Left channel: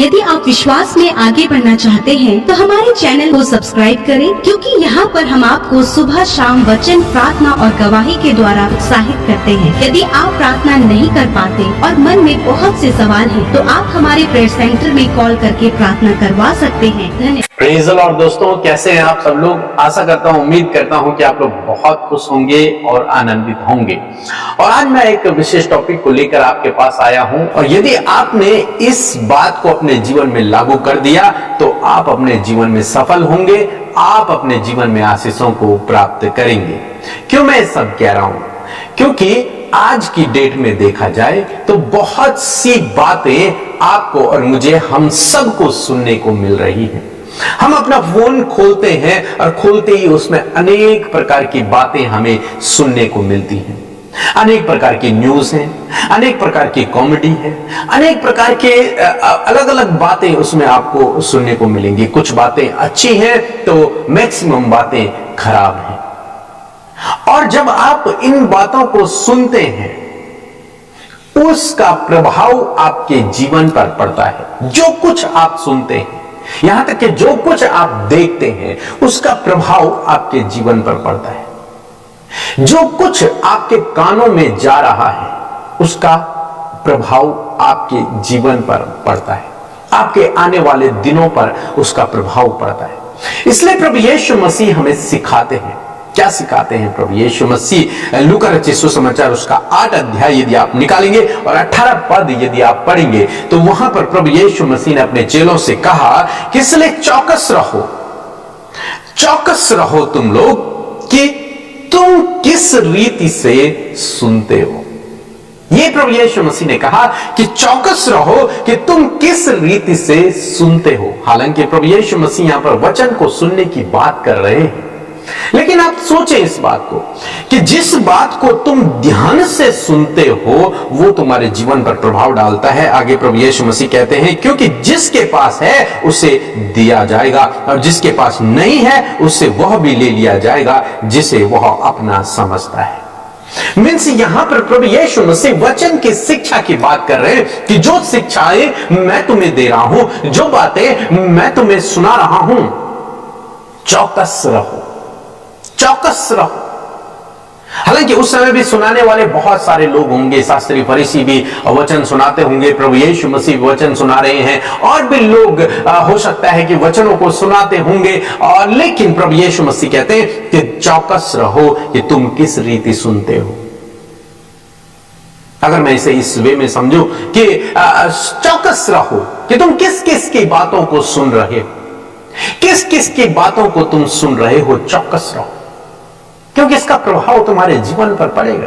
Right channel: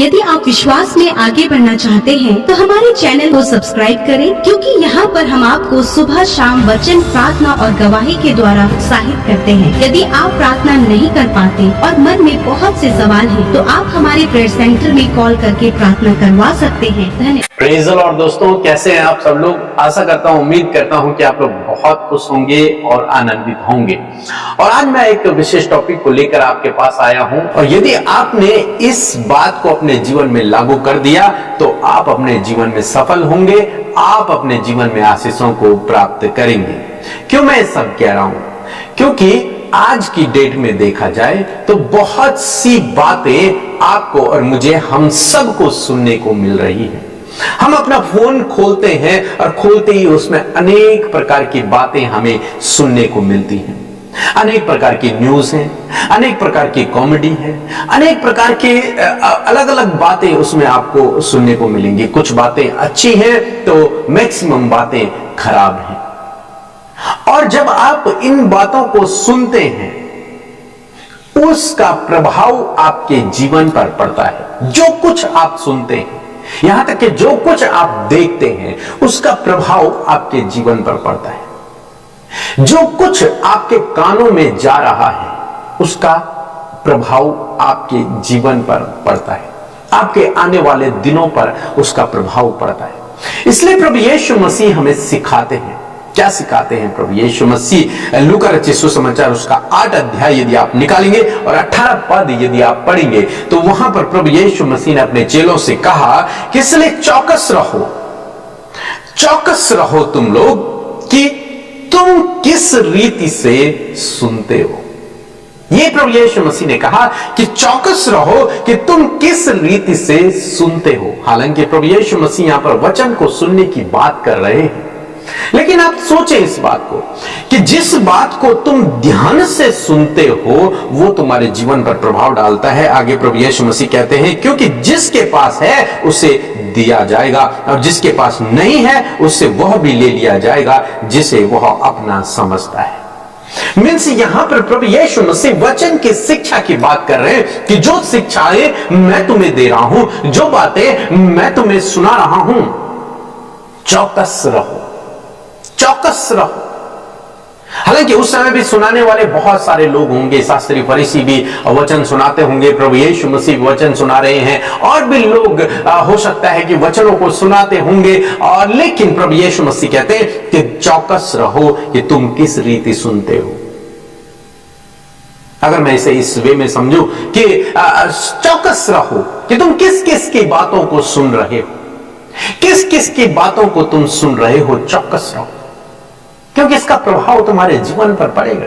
यदि आप विश्वास में आगे बढ़ना चाहते हैं तो हमारे चैनल को सब्सक्राइब करें, क्योंकि यहाँ पर हम आपको सुबह शाम वचन, प्रार्थना और गवाही के द्वारा उत्साहित करते हैं। यदि आप प्रार्थना नहीं कर पाते और मन में बहुत से सवाल हैं, तो आप हमारे प्रेयर सेंटर में कॉल करके प्रार्थना करवा सकते हैं। धन्यवाद। Praise the Lord. दोस्तों, कैसे हैं आप सब लोग? आशा करता हूँ, उम्मीद करता हूँ कि आप लोग बहुत खुश होंगे और आनंदित होंगे। और आज मैं एक विशेष टॉपिक को लेकर आपके पास आया हूँ, और यदि आपने इस बात को अपने जीवन में लागू कर दिया तो आप अपने जीवन में सफल होंगे, आप अपने जीवन में आशीषों को प्राप्त करेंगे। क्यों मैं सब कह रहा हूँ? क्योंकि आज की डेट में देखा जाए तो बहुत सी बातें आपको और मुझे, हम सबको सुनने को मिल रही है। हम अपना फोन खोलते हैं और खोलते ही उसमें अनेक प्रकार की बातें हमें सुनने को मिलती हैं। अनेक प्रकार की न्यूज हैं, अनेक प्रकार की कॉमेडी है, अनेक प्रकार के अलग अलग बातें उसमें आपको सुनने को मिलेंगी। कुछ बातें अच्छी हैं तो मैक्सिमम बातें खराब हैं। और जब आप इन बातों को सुनते हैं, उसका प्रभाव आपके जीवन पर पड़ता है। जो कुछ आप सुनते हैं, यहां तक कि जो कुछ आप देखते हैं, उसका प्रभाव आपके जीवन पर पड़ता है। जो कुछ आपके कानों में जा रहा है, उसका प्रभाव आपके जीवन पर पड़ता है, आपके आने वाले दिनों पर उसका प्रभाव पड़ता है। इसलिए प्रभु यीशु मसीह हमें सिखाते हैं। क्या सिखाते हैं प्रभु यीशु मसीह? लूका रचित सुसमाचार उसका 8 अध्याय यदि आप निकालेंगे और 18 पद यदि आप पढ़ेंगे, तो वहां पर प्रभु यीशु मसीह ने अपने चेलों से कहा कि इसलिए चौकस रहो, चौकस रहो तुम लोग कि तुम किस रीति से सुनते हो। यह प्रभु यीशु मसीह ने कहा कि चौकस रहो कि तुम किस रीति से सुनते हो। हालांकि प्रभु यीशु मसीह यहां पर वचन को सुनने की बात कर रहे हैं, लेकिन आप सोचें इस बात को कि जिस बात को तुम ध्यान से सुनते हो वो तुम्हारे जीवन पर प्रभाव डालता है। आगे प्रभु यीशु मसीह कहते हैं, क्योंकि जिसके पास है उसे दिया जाएगा, और जिसके पास नहीं है उससे वह भी ले लिया जाएगा जिसे वह अपना समझता है। मीन्स यहां पर प्रभु यीशु मसीह वचन की शिक्षा की बात कर रहे हैं कि जो शिक्षाएं मैं तुम्हें दे रहा हूं, जो बातें मैं तुम्हें सुना रहा हूं, चौकस रहो, चौकस रहो। हालांकि उस समय भी सुनाने वाले बहुत सारे लोग होंगे, शास्त्री फरीसी भी वचन सुनाते होंगे, प्रभु यीशु मसीह वचन सुना रहे हैं, और भी लोग हो सकता है कि वचनों को सुनाते होंगे। और लेकिन प्रभु यीशु मसीह कहते हैं कि चौकस रहो कि तुम किस रीति सुनते हो। अगर मैं इसे इस वे में समझूं कि चौकस रहो कि तुम किस किस की बातों को सुन रहे हो, किस किस की बातों को तुम सुन रहे हो, चौकस रहो, क्योंकि इसका प्रभाव तुम्हारे जीवन पर पड़ेगा।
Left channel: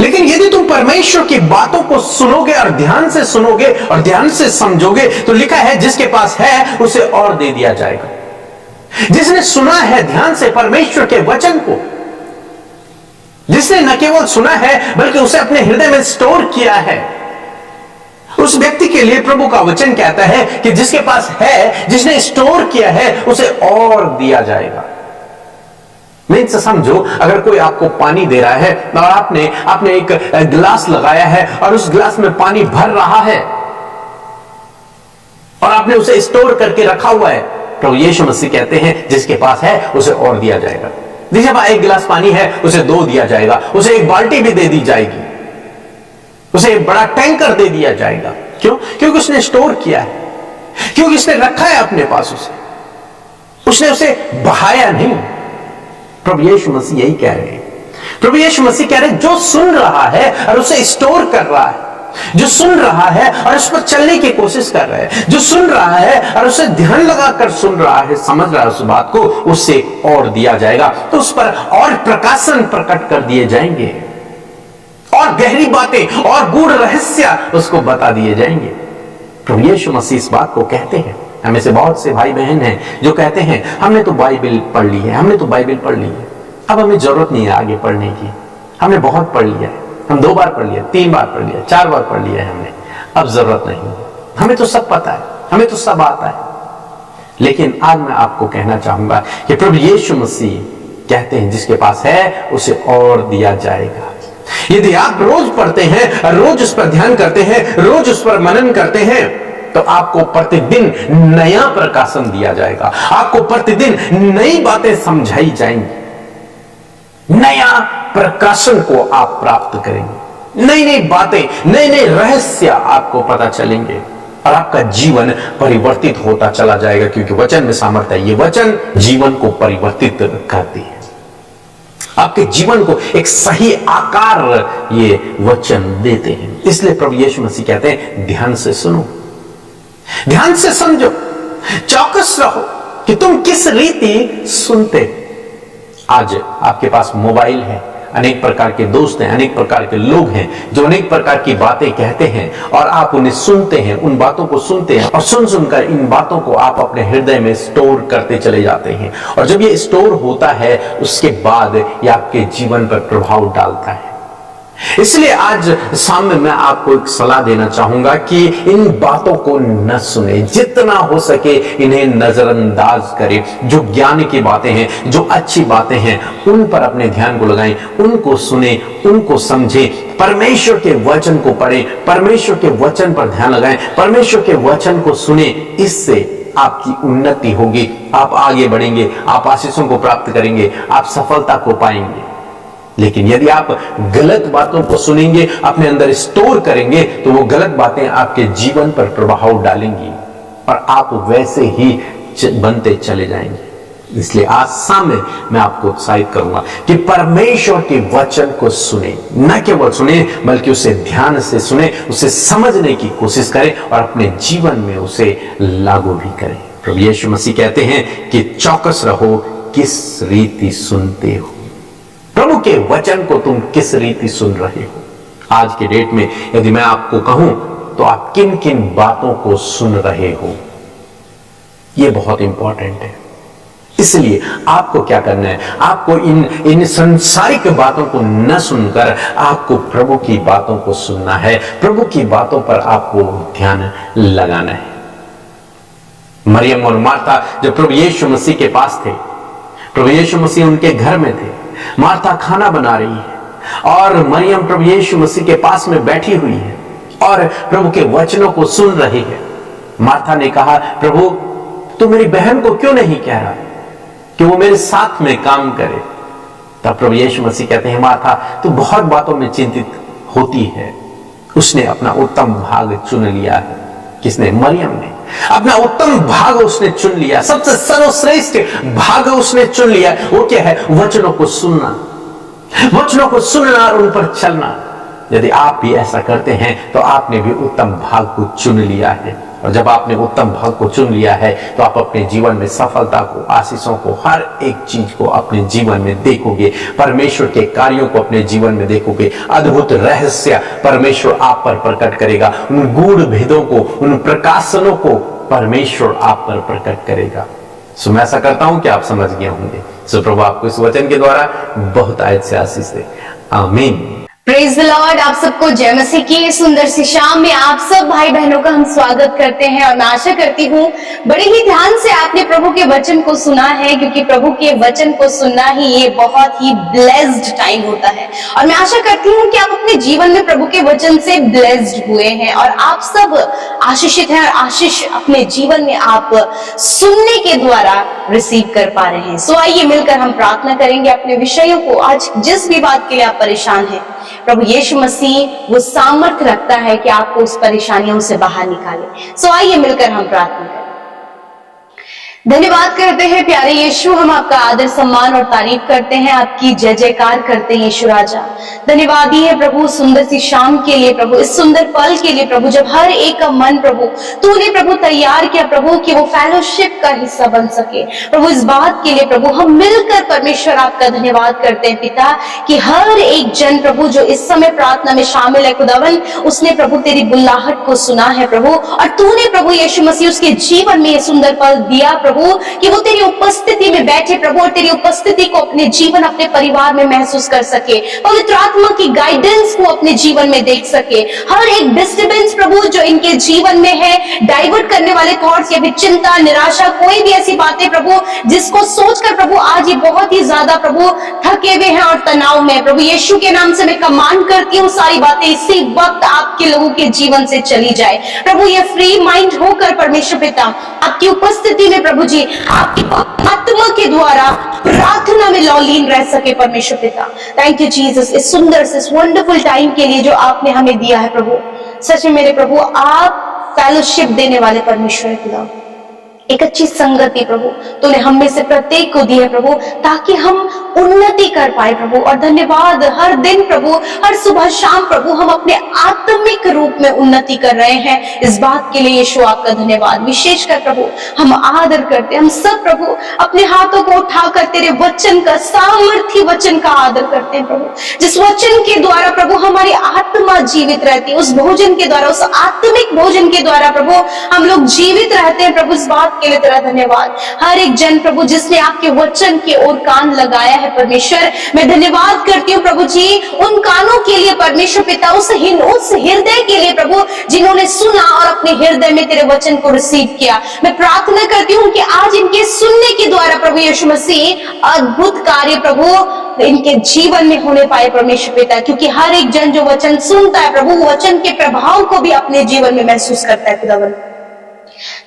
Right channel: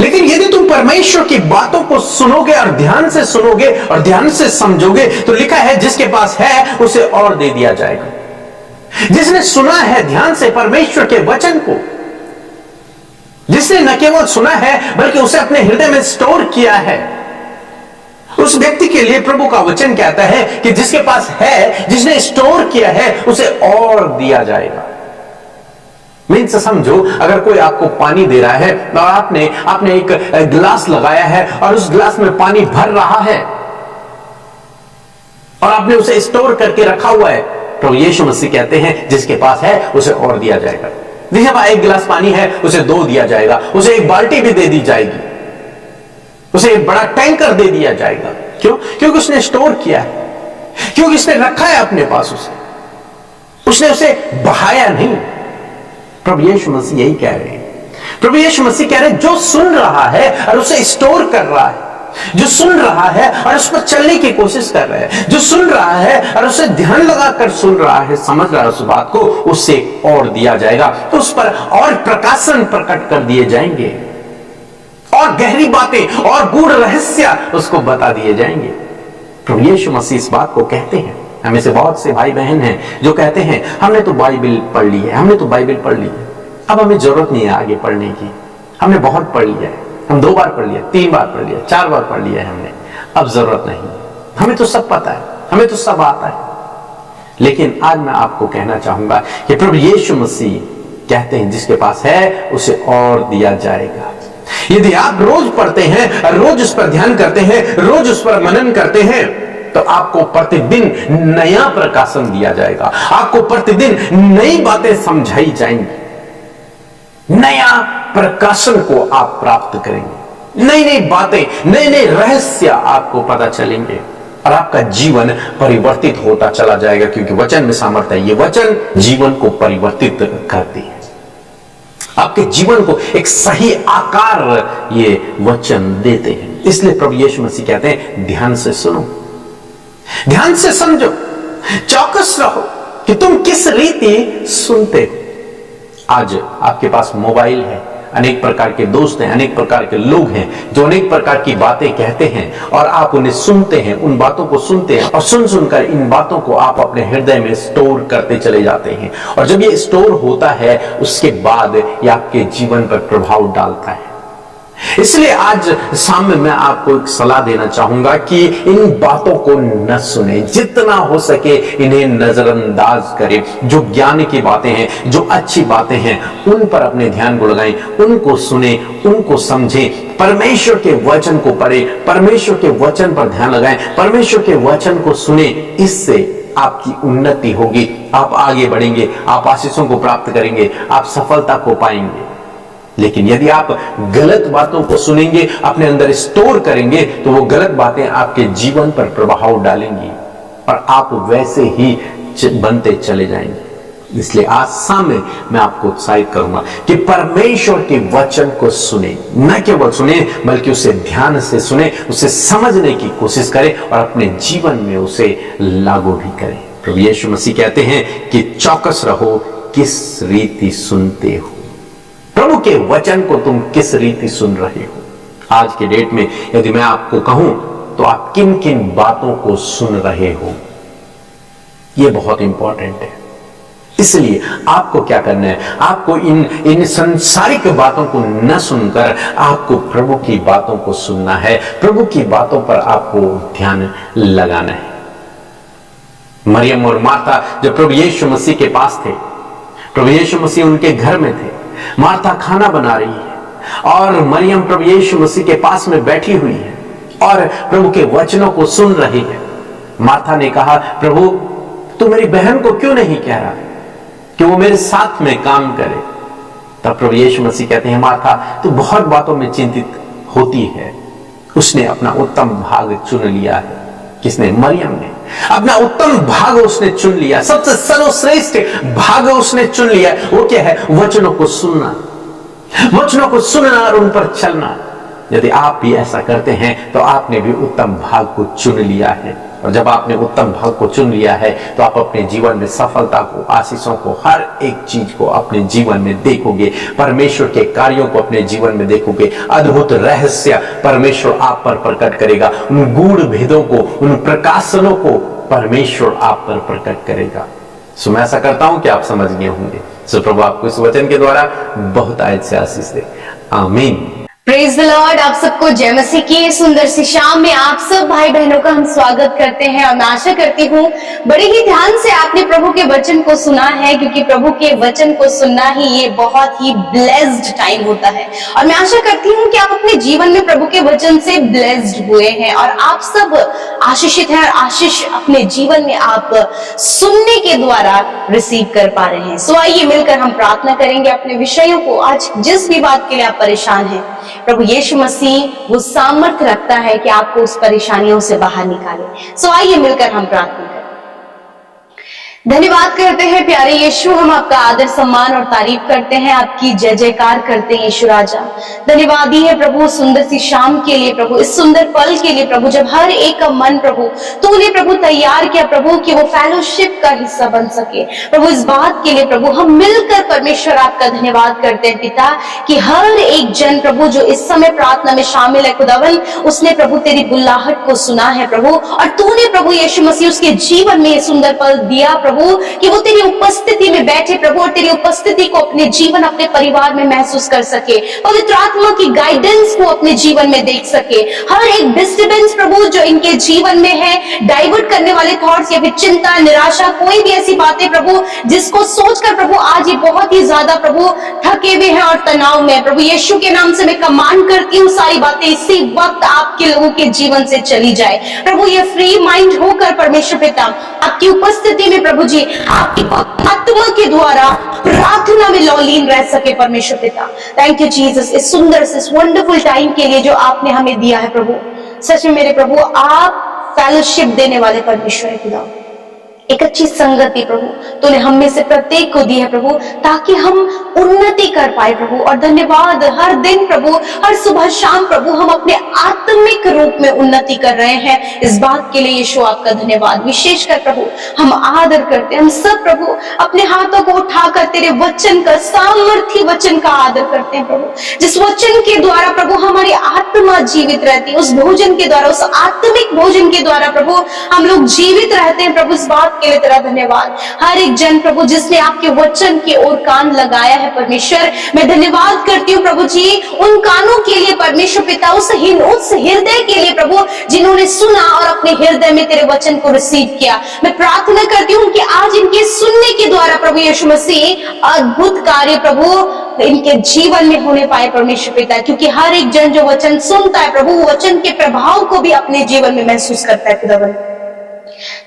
लेकिन यदि तुम परमेश्वर की बातों को सुनोगे और ध्यान से सुनोगे और ध्यान से समझोगे, तो लिखा है जिसके पास है उसे और दे दिया जाएगा। जिसने सुना है ध्यान से परमेश्वर के वचन को, जिसने न केवल सुना है बल्कि उसे अपने हृदय में स्टोर किया है, उस व्यक्ति के लिए प्रभु का वचन कहता है कि जिसके पास है, जिसने स्टोर किया है, उसे और दिया जाएगा। मीन्स समझो, अगर कोई आपको पानी दे रहा है और आपने एक गिलास लगाया है और उस गिलास में पानी भर रहा है और आपने उसे स्टोर करके रखा हुआ है, प्रभु यीशु मसीह कहते हैं जिसके पास है उसे और दिया जाएगा। जिसके पास एक गिलास पानी है उसे 2 दिया जाएगा, उसे एक बाल्टी भी दे दी जाएगी, उसे एक बड़ा टैंकर दे दिया जाएगा। क्यों? क्योंकि उसने स्टोर किया है, क्योंकि उसने रखा है अपने पास, उसने उसे बहाया नहीं। प्रभु यीशु मसीह यही कह रहे हैं। प्रभु यीशु मसीह कह रहे हैं जो सुन रहा है और उसे स्टोर कर रहा है, जो सुन रहा है और उस पर चलने की कोशिश कर रहा है, जो सुन रहा है और उसे ध्यान लगाकर सुन रहा है, समझ रहा है उस बात को, उससे और दिया जाएगा, तो उस पर और प्रकाशन प्रकट कर दिए जाएंगे, और गहरी बातें और गूढ़ रहस्य उसको बता दिए जाएंगे। प्रभु यीशु मसीह इस बात को कहते हैं। हमें से बहुत से भाई बहन हैं जो कहते हैं हमने तो बाइबल पढ़ ली है, हमने तो बाइबल पढ़ ली है, अब हमें जरूरत नहीं है आगे पढ़ने की, हमने बहुत पढ़ लिया है, हम 2 बार पढ़ लिया, 3 बार पढ़ लिया, 4 बार पढ़ लिया है हमने, अब जरूरत नहीं, हमें तो सब पता है, हमें तो सब आता है। लेकिन आज मैं आपको कहना चाहूंगा कि प्रभु यीशु मसीह कहते हैं जिसके पास है उसे और दिया जाएगा। यदि आप रोज पढ़ते हैं, रोज उस पर ध्यान करते हैं, रोज उस पर मनन करते हैं, तो आपको प्रतिदिन नया प्रकाशन दिया जाएगा, आपको प्रतिदिन नई बातें समझाई जाएंगी, नया प्रकाशन को आप प्राप्त करेंगे, नई नई बातें, नए नए रहस्य आपको पता चलेंगे और आपका जीवन परिवर्तित होता चला जाएगा, क्योंकि वचन में सामर्थ्य है। ये वचन जीवन को परिवर्तित करती है, आपके जीवन को एक सही आकार ये वचन देते हैं। इसलिए प्रभु यीशु मसीह कहते हैं ध्यान से सुनो, ध्यान से समझो, चौकस रहो कि तुम किस रीति सुनते हो। आज आपके पास मोबाइल है, अनेक प्रकार के दोस्त हैं, अनेक प्रकार के लोग हैं जो अनेक प्रकार की बातें कहते हैं और आप उन्हें सुनते हैं, उन बातों को सुनते हैं और सुन सुनकर इन बातों को आप अपने हृदय में स्टोर करते चले जाते हैं। और जब ये स्टोर होता है उसके बाद ये आपके जीवन पर प्रभाव डालता है। इसलिए आज सामने मैं आपको एक सलाह देना चाहूंगा कि इन बातों को न सुने, जितना हो सके इन्हें नजरअंदाज करें। जो ज्ञान की बातें हैं, जो अच्छी बातें हैं, उन पर अपने ध्यान को लगाएं, उनको सुने, उनको समझें, परमेश्वर के वचन को पढ़ें, परमेश्वर के वचन पर ध्यान लगाएं, परमेश्वर के वचन को सुने। इससे आपकी उन्नति होगी, आप आगे बढ़ेंगे, आप आशीषों को प्राप्त करेंगे, आप सफलता को पाएंगे। लेकिन यदि आप गलत बातों को सुनेंगे, अपने अंदर स्टोर करेंगे, तो वो गलत बातें आपके जीवन पर प्रभाव डालेंगी और आप वैसे ही बनते चले जाएंगे। इसलिए आज सामने मैं आपको उत्साहित करूंगा कि परमेश्वर के वचन को सुने, न केवल सुने बल्कि उसे ध्यान से सुने, उसे समझने की कोशिश करें और अपने जीवन में उसे लागू भी करें। प्रभु यीशु मसीह कहते हैं कि चौकस रहो, किस रीति सुनते हो। प्रभु के वचन को तुम किस रीति सुन रहे हो। आज के डेट में यदि मैं आपको कहूं तो आप किन किन बातों को सुन रहे हो, यह बहुत इंपॉर्टेंट है। इसलिए आपको क्या करना है, आपको इन संसारिक बातों को न सुनकर आपको प्रभु की बातों को सुनना है, प्रभु की बातों पर आपको ध्यान लगाना है। मरियम और मार्था जब प्रभु यीशु मसीह के पास थे, प्रभु यीशु मसीह उनके घर में थे, मार्था खाना बना रही है और मरियम प्रभु यीशु मसीह के पास में बैठी हुई है और प्रभु के वचनों को सुन रही है। मार्था ने कहा, प्रभु तू मेरी बहन को क्यों नहीं कह रहा कि वो मेरे साथ में काम करे। तब प्रभु यीशु मसीह कहते हैं, मार्था तू बहुत बातों में चिंतित होती है। उसने अपना उत्तम भाग चुन लिया है। किसने? मरियम ने अपना उत्तम भाग उसने चुन लिया, सबसे सर्वश्रेष्ठ भाग उसने चुन लिया। वो क्या है? वचनों को सुनना, वचनों को सुनना और उन पर चलना। यदि आप भी ऐसा करते हैं तो आपने भी उत्तम भाग को चुन लिया है। और जब आपने उत्तम भाग को चुन लिया है तो आप अपने जीवन में सफलता को, आशीषों को, हर एक चीज को अपने जीवन में देखोगे, परमेश्वर के कार्यों को अपने जीवन में देखोगे। अद्भुत रहस्य परमेश्वर आप पर प्रकट करेगा, उन गूढ़ भेदों को, उन प्रकाशनों को परमेश्वर आप पर प्रकट करेगा। सो मैं ऐसा करता हूं कि आप समझ गए होंगे। सो प्रभु आपको इस वचन के द्वारा बहुत आयत से आशीष दे। आमीन। Praise the Lord. आप सबको जय मसीह की सुंदर सी शाम में आप सब भाई बहनों का हम स्वागत करते हैं और मैं आशा करती हूँ बड़े ही ध्यान से आपने प्रभु के वचन को सुना है, क्योंकि प्रभु के वचन को सुनना ही ये बहुत ही ब्लेस्ड टाइम होता है। और मैं आशा करती हूँ कि आप अपने जीवन में प्रभु के वचन से ब्लेस्ड हुए हैं और आप सब आशीषित हैं और आशीष अपने जीवन में आप सुनने के द्वारा रिसीव कर पा रहे हैं। सो आइए मिलकर हम प्रार्थना करेंगे अपने विषयों को। आज जिस भी बात के लिए आप परेशान हैं, प्रभु यीशु मसीह वो सामर्थ रखता है कि आपको उस परेशानियों से बाहर निकाले। सो आइए मिलकर हम प्रार्थना करें। धन्यवाद करते हैं प्यारे यीशु, हम आपका आदर सम्मान और तारीफ करते हैं, आपकी जय जयकार करते हैं यीशु राजा। धन्यवाद ही है प्रभु सुंदर सी शाम के लिए, प्रभु इस सुंदर पल के लिए प्रभु, जब हर एक का मन प्रभु तूने प्रभु तैयार किया प्रभु कि वो फेलोशिप का हिस्सा बन सके। प्रभु इस बात के लिए प्रभु हम मिलकर परमेश्वर आपका धन्यवाद करते हैं पिता, कि हर एक जन प्रभु जो इस समय प्रार्थना में शामिल है खुदावन, उसने प्रभु तेरी बुल्लाहट को सुना है प्रभु, और तूने प्रभु यीशु मसीह उसके जीवन में ये सुंदर पल दिया प्रभु प्रभु कि वो तेरी उपस्थिति में बैठे प्रभु और तेरी उपस्थिति को अपने जीवन अपने परिवार में महसूस कर सके, पवित्र आत्मा की गाइडेंस को अपने जीवन में देख सके। हर एक डिस्टर्बेंस प्रभु जो इनके जीवन में है, डाइवर्ट करने वाले थॉट्स या फिर चिंता, निराशा, कोई भी ऐसी बातें प्रभु जिसको सोचकर प्रभु आज ये बहुत ही ज्यादा प्रभु थके हुए हैं और तनाव में, प्रभु यीशु के नाम से मैं कमांड करती हूँ सारी बातें इसी वक्त आपके लोगों के जीवन से चली जाए। प्रभु ये फ्री माइंड होकर परमेश्वर पिता आपकी उपस्थिति में प्रभु जी आपकी आत्मा के द्वारा प्रार्थना में लौलीन रह सके परमेश्वर पिता। थैंक यू जीसस इस सुंदर से इस वंडरफुल टाइम के लिए जो आपने हमें दिया है प्रभु। सच में मेरे प्रभु आप फेलोशिप देने वाले परमेश्वर है खुदा, एक अच्छी संगति प्रभु तूने हम में से प्रत्येक को दी है प्रभु ताकि हम उन्नति कर पाए प्रभु। और धन्यवाद हर दिन प्रभु, हर सुबह शाम प्रभु हम अपने आत्मिक रूप में उन्नति कर रहे हैं, इस बात के लिए यीशु आपका धन्यवाद। विशेषकर प्रभु हम आदर करते हैं, हम सब प्रभु अपने हाथों को उठाकर तेरे वचन का, सामर्थी वचन का आदर करते हैं प्रभु, जिस वचन के द्वारा प्रभु हमारी आत्मा जीवित रहती है, उस भोजन के द्वारा, उस आत्मिक भोजन के द्वारा प्रभु हम लोग जीवित रहते हैं प्रभु। इस बात के लिए तेरा धन्यवाद। हर एक जन प्रभु जिसने आपके वचन की ओर कान लगाया है परमेश्वर, मैं धन्यवाद करती हूँ प्रभु जी उन कानों के लिए परमेश्वर पिता, उस हृदय के लिए प्रभु जिन्होंने सुना और अपने हृदय में तेरे वचन को रिसीव किया। मैं प्रार्थना करती हूँ कि आज इनके सुनने के द्वारा प्रभु यीशु मसीह अद्भुत कार्य प्रभु इनके जीवन में होने पाए परमेश्वर पिता, क्योंकि हर एक जन जो वचन सुनता है प्रभु वचन के प्रभाव को भी अपने जीवन में महसूस करता है खुदावन।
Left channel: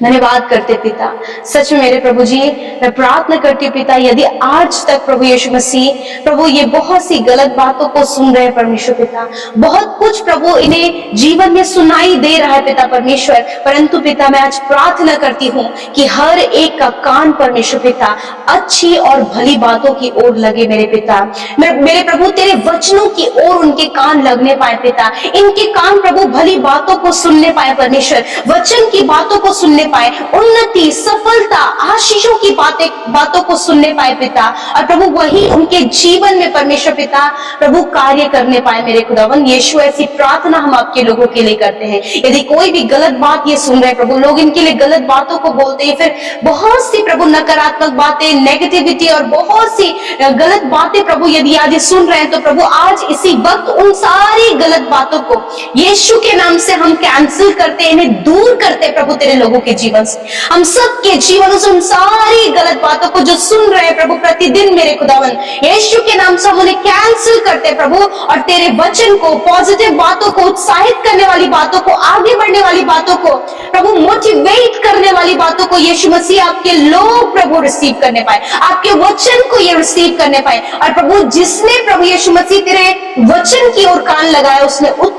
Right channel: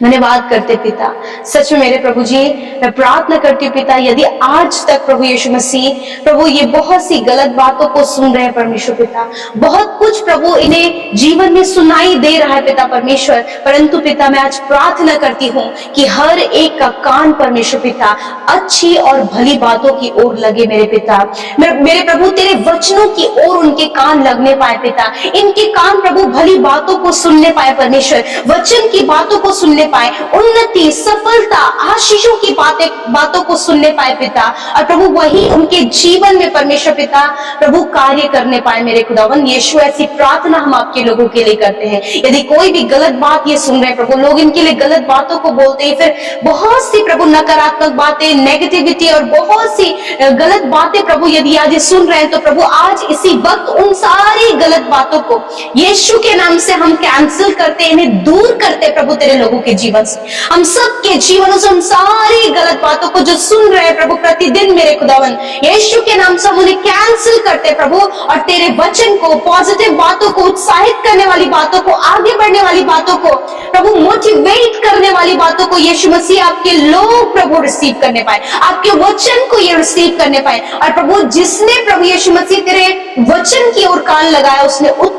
धन्यवाद करते पिता। सच में मेरे प्रभु जी मैं प्रार्थना करती हूँ पिता, यदि आज तक प्रभु यीशु मसीह प्रभु ये बहुत सी गलत बातों को सुन रहे हैं परमेश्वर पिता, बहुत कुछ प्रभु इन्हें जीवन में सुनाई दे रहा है पिता परमेश्वर, परंतु पिता मैं आज प्रार्थना करती हूँ कि हर एक का कान परमेश्वर पिता अच्छी और भली बातों की ओर लगे मेरे पिता। मेरे प्रभु तेरे वचनों की ओर उनके कान लगने पाए पिता, इनके कान प्रभु भली बातों को सुनने पाए परमेश्वर, वचन की बातों को सुनने पाए, उन्नति, सफलता, आशीषों की बातों को सुनने पाए पिता, और प्रभु वही उनके जीवन में परमेश्वर पिता प्रभु कार्य करने पाए मेरे खुदावन यीशु। ऐसी प्रार्थना हम आपके लोगों के लिए करते हैं। यदि कोई भी गलत बात ये सुन रहे प्रभु, लोग इनके लिए गलत बातों को बोलते हैं, फिर बहुत सी प्रभु नकारात्मक बातें, नेगेटिविटी और बहुत सी गलत बातें प्रभु यदि आज ये सुन रहे हैं, तो प्रभु आज इसी वक्त उन सारी गलत बातों को यीशु के नाम से हम कैंसिल करते, इन्हें दूर करते प्रभु तेरे लोगों के जीवन से, हम सबके जीवन से उन सारी गलत बातों को जो सुन रहे हैं प्रभु प्रतिदिन मेरे खुदावन यीशु के नाम से हम उन्हें कैंसिल करते प्रभु, और तेरे वचन को, पॉजिटिव बातों को, उत्साहित करने वाली बातों को, आगे बढ़ने वाली बातों को प्रभु, मोटिवेट करने वाली बातों को यीशु मसीह आपके लोग प्रभु रिसीव करने पाए, आपके वचन को ये रिसीव करने पाए। और प्रभु जिसने प्रभु यीशु मसीह तेरे वचन की ओर कान लगाया उसने उत्तम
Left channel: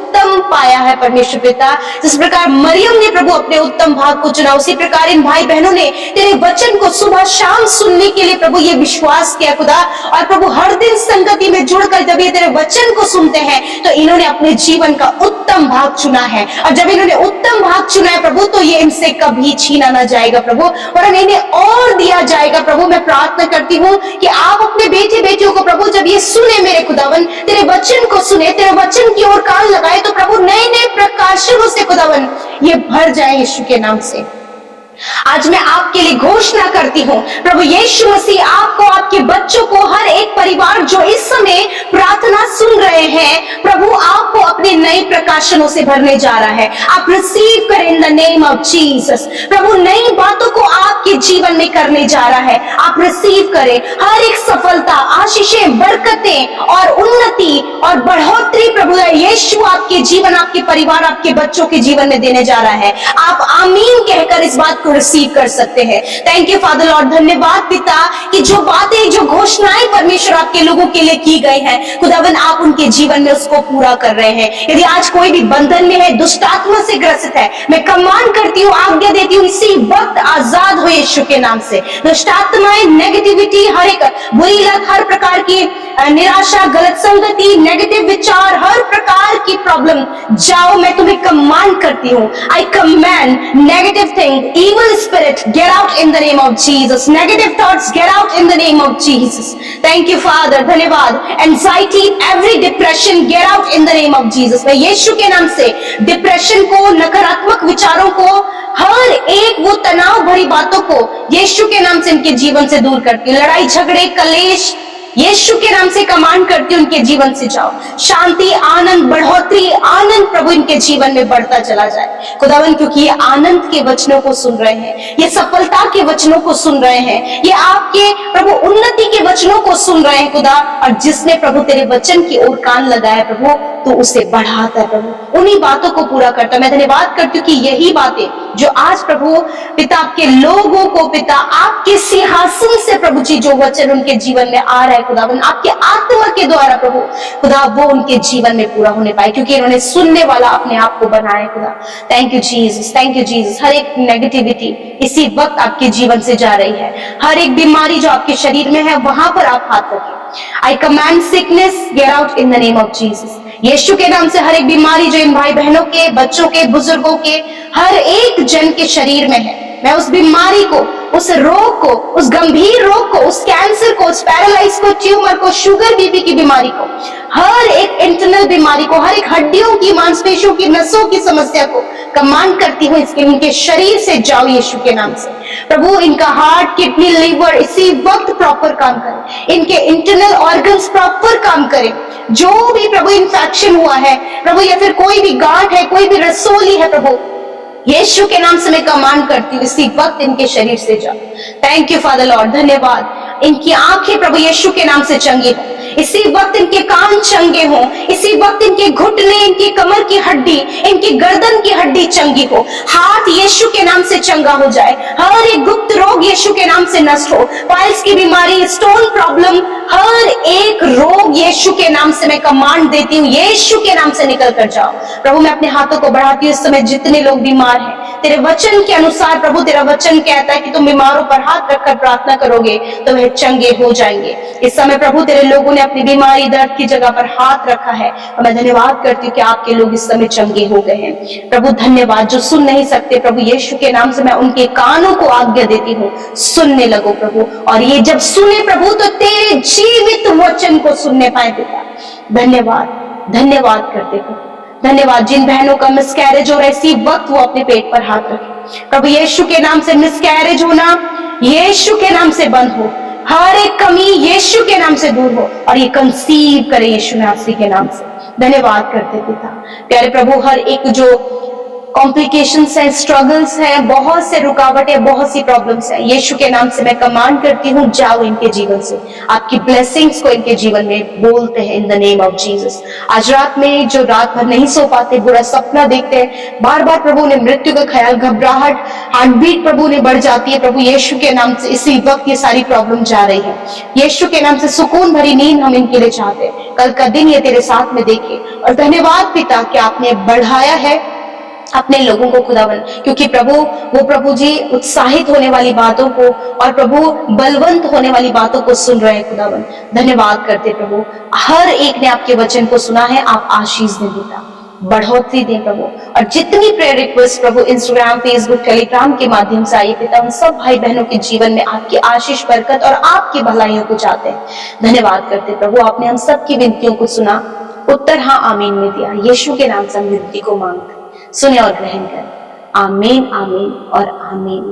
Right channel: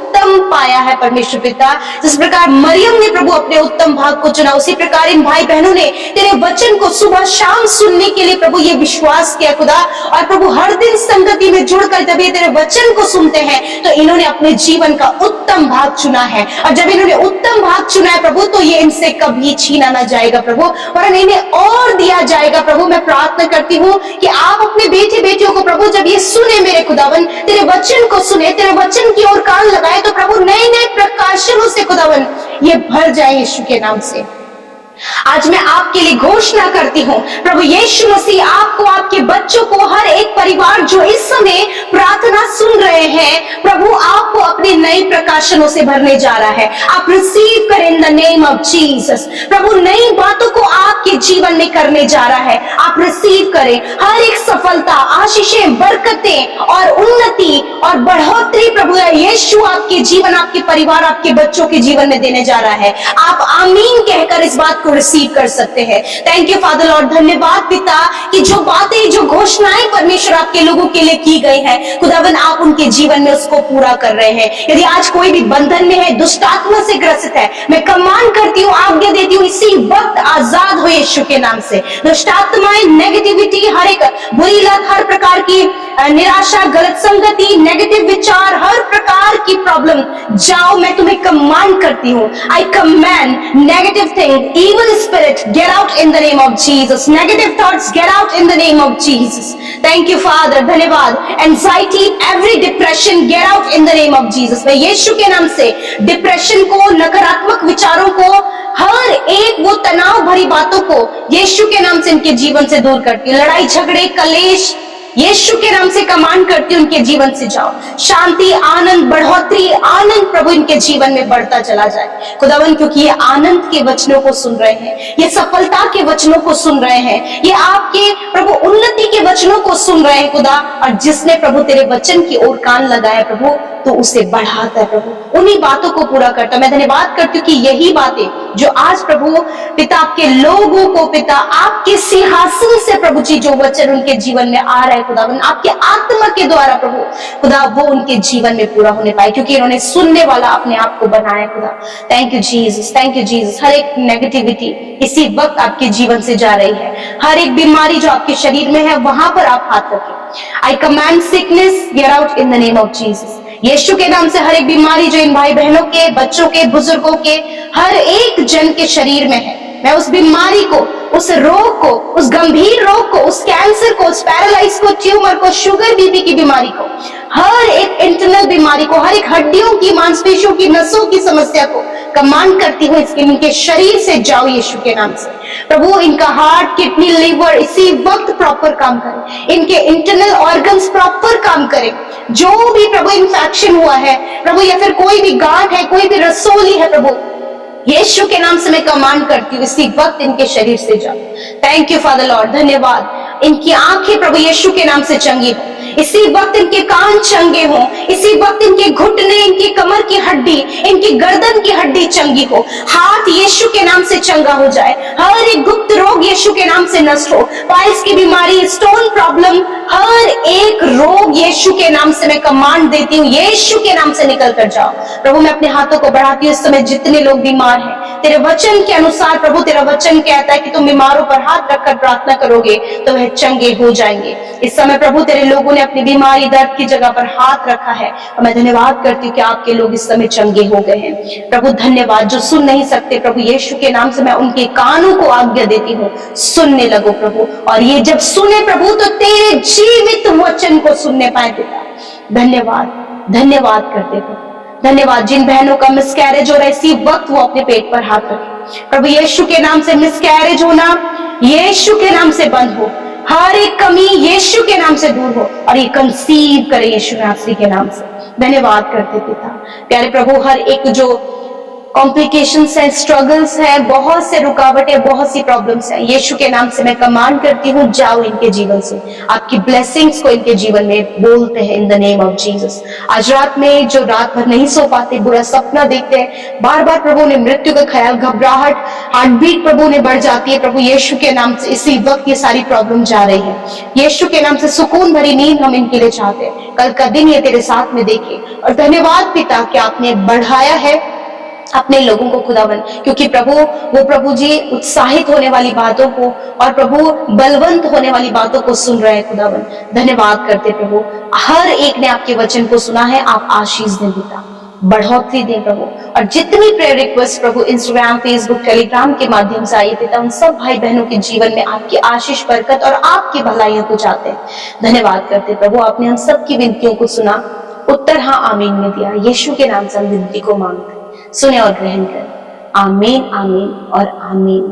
पाया है परमेश्वर पिता। जिस प्रकार मरियम ने प्रभु अपने उत्तम भाग को चुना, उसी प्रकार इन भाई बहनों ने तेरे वचन को सुबह शाम सुनने के लिए प्रभु ये विश्वास किया खुदा, और प्रभु हर दिन संगति में जुड़कर जब ये तेरे वचन को सुनते हैं तो इन्होंने अपने जीवन का उत्तम भाग चुना है, और जब इन्होंने उत्तम भाग चुना है प्रभु तो ये इनसे कभी छीना ना जाएगा प्रभु, वरन इन्हें और दिया जाएगा प्रभु। मैं प्रार्थना करती हूँ कि आप अपने बेटे बेटियों को प्रभु जब ये सुने मेरे खुदावन, तेरे वचन को सुने, तेरे वचन की ओर कान लगाए, तो प्रभु नए नए प्रकाशनों से खुदावन ये भर जाए यीशु के नाम से। आज मैं आपके लिए घोषणा करती हूँ प्रभु यीशु मसीह आपको, आपके बच्चों को, हर एक परिवार जो इस समय प्रार्थना सुन रहे हैं प्रभु आपको अपने नए प्रकाशनों से भरने जा रहा है। आप रिसीव करें in the name of Jesus. प्रभु नई बातों को आपके जीवन में करने जा रहा है, आप रिसीव करें। हर एक सफलता, आशीषें, बरकतें और उन्नति और बढ़ोतरी प्रभु यीशु आपके जीवन, आपके परिवार, आपके बच्चों के जीवन में देने जा रहा है। आप आमीन कहकर इस बात को रिसीव कर सकते हैं। थैंक यू फादर लॉर्ड, धन्यवाद पिता कि जो बातें, जो घोषणाएं परमेश्वर आपके लोगों के लिए की गई हैं खुदावन आप उनके जीवन में उसको पूरा कर रहे हैं। यदि आज कोई भी बंधन में है, दुष्ट आत्मा से ग्रसित है, मैं कमांड करती हूँ, आज्ञा देती हूँ, इसी वक्त आजाद हो यीशु के नाम से। दुष्ट आत्माएं, नेगेटिविटी, हर एक बुरी लत, हर प्रकार की निराशा, गलत संगति, नेगेटिव विचार, हर प्रकार की प्रॉब्लम जाओ, मैं तुम्हें कमांड करती हूँ। आई command negative thing, evil spirit, get out in the name of Jesus. Negative thoughts, get out in the name of Jesus. Thank you Father, धन्यवाद। Anxiety, every depression, get out in the name of Jesus. मैं यीशु के नाम से depression को, नकारात्मक विचारों को, हर एक वो तनाव भरी बातों को यीशु के नाम से इनके जीवन से दूर करती हूँ। लड़ाई झगड़े कलेश यीशु के नाम से कमांड करती हूँ, उनके जीवन से जाओ। शांति आनंद बढ़ोतरी आनंद प्रभु इनके जीवन में बढ़ता चला जाए खुदावन, क्योंकि ये आनंद के वचनों को सुन रहे हैं, ये सफलता के वचनों को सुन रहे हैं, ये आपके प्रभु उन्नति के वचनों को सुन रहे हैं खुदा। और जिसने प्रभु तेरे वचन की ओर कान लगाया प्रभु, तो उसे बढ़ाता है प्रभु, उन्हीं बातों को पूरा करता। मैं धन्यवाद करती हूँ कि यही बातें जो आज प्रभु पिता आपके लोगों को पिता आपके सिंहासन से प्रभु जी जो वचन उनके जीवन में आ रहा है खुदावन, आपके आत्मा के द्वारा प्रभु खुदा वो उनके जीवन में पूरा होने पाए, क्योंकि इन्होंने सुनने वाला अपने आप को बनाया खुदा। Thank you Jesus, thank you Jesus. हर एक नेगेटिविटी इसी वक्त आपके जीवन से जा रही है, हर एक बीमारी जो आपके शरीर में है वहां पर आप हाथ रखें। I command sickness get out in the name of Jesus. यीशु के नाम से हर एक बीमारी जो इन भाई बहनों के, बच्चों के, बुजुर्गों के, हर एक जन के शरीर में है, मैं उस बीमारी को, उस रोग को, उस गंभीर रोग को, उस कैंसर को, उस पैरालाइज को, ट्यूमर को, शुगर बीपी की बीमारी को, हर एक इंटरनल बीमारी को, हर एक हड्डियों की, मांसपेशियों की, नसों की समस्या को कमांड करती हूँ इसके इनके शरीर से जाओ यीशु के नाम से। प्रभु इनका हार्ट, किडनी, लिवर इसी वक्त प्रॉपर काम करे, इनके इंटरनल ऑर्गन्स प्रॉपर काम करें। जो भी प्रभु इन्फेक्शन हुआ है प्रभु, या फिर कोई भी गांठ है, कोई भी रसोली है प्रभु, यीशु के नाम से मैं कमांड करती हूँ इसी वक्त इनके शरीर से जाओ। थैंक यू फादर लॉर्ड, धन्यवाद। इनकी आंखें प्रभु यीशु के नाम से चंगी हो, इसी वक्त इनके कान चंगे हों, इसी वक्त इनके घुटने, इनकी कमर की हड्डी, इनकी गर्दन की हड्डी चंगी हो, हाथ यीशु के नाम से चंगा हो जाए, हर एक गुप्त रोग यीशु के नाम से नष्ट हो, पाइल्स की बीमारी, स्टोन प्रॉब्लम, हर एक रोग यीशु के नाम से मैं कमांड देती हूँ, यीशु के नाम से निकल कर जाओ। प्रभु मैं अपने हाथों को बढ़ाती हूँ, इस समय जितने लोग बीमार हैं तेरे वचन के अनुसार प्रभु, तेरा वचन कहता है कि तुम बीमारों पर हाथ रखकर प्रार्थना करोगे तो वह चंगे हो जाएंगे। इस समय प्रभु तेरे लोगों ने अपनी बीमारी दर्द की जगह पर हाथ रखा है और मैं धन्यवाद करती हूँ कि आपके लोग इस समय चंगे हो गए हैं। प्रभु धन्यवाद। जो सुन नहीं सकते प्रभु यीशु के नाम से मैं उनके कानों को आज्ञा देती हूँ, सुनने लगो प्रभु, और ये जब सुने प्रभु तो तेरे जीवित वचन को सुनने पाए पिता। धन्यवाद, धन्यवाद करते प्रभु, धन्यवाद। जिन बहनों का मिसकैरेज हो रहा है इसी वक्त वो अपने पेट पर हाथ रखें प्रभु, यीशु के नाम से मिसकैरेज होना यीशु के नाम से बंद हो, हर एक कमी यीशु के नाम से दूर हो और ये कंसीव करे यीशु नासरी के नाम से। धन्यवाद करते पिता। प्यारे प्रभु हर एक जो कॉम्प्लिकेशंस हैं, स्ट्रगल्स हैं, बहुत से रुकावटें, बहुत सी प्रॉब्लम्स हैं, यीशु के नाम से मैं कमांड करती हूँ जाओ इनके जीवन से, आपकी ब्लेसिंग्स को इनके जीवन में बोलते हैं इन द नेम ऑफ जीसस। आज रात में जो रात भर नहीं सो पाते, बुरा सपना देखते हैं, बार बार प्रभु ने मृत्यु का ख्याल, घबराहट, हार्ट बीट प्रभु ने बढ़ जाती है प्रभु, यीशु के नाम से इसी वक्त ये सारी प्रॉब्लम जा रही है। यीशु के नाम से सुकून भरी नींद हम इनके लिए चाहते हैं, कल का दिन ये तेरे साथ में देखे। और धन्यवाद पिता कि आपने बढ़ाया है अपने लोगों को खुदावन, क्योंकि प्रभु वो प्रभु जी उत्साहित होने वाली बातों को और प्रभु बलवंत होने वाली बातों को सुन रहे हैं खुदावन। धन्यवाद करते प्रभु, हर एक ने आपके वचन को सुना है, आप आशीष दें पिता, बढ़ोतरी दें प्रभु। और जितनी प्रेयर रिक्वेस्ट प्रभु इंस्टाग्राम, फेसबुक, टेलीग्राम के माध्यम से आई पिता, उन सब भाई बहनों के जीवन में आपकी आशीष, बरकत और आपकी भलाइयों को चाहते हैं। धन्यवाद करते प्रभु, आपने हम सबकी विनतियों को सुना, उत्तर हाँ आमीन में दिया। यीशु के नाम से हम विनती को मांगते, सुने और ग्रहण कर। आमीन, आमीन और आमीन।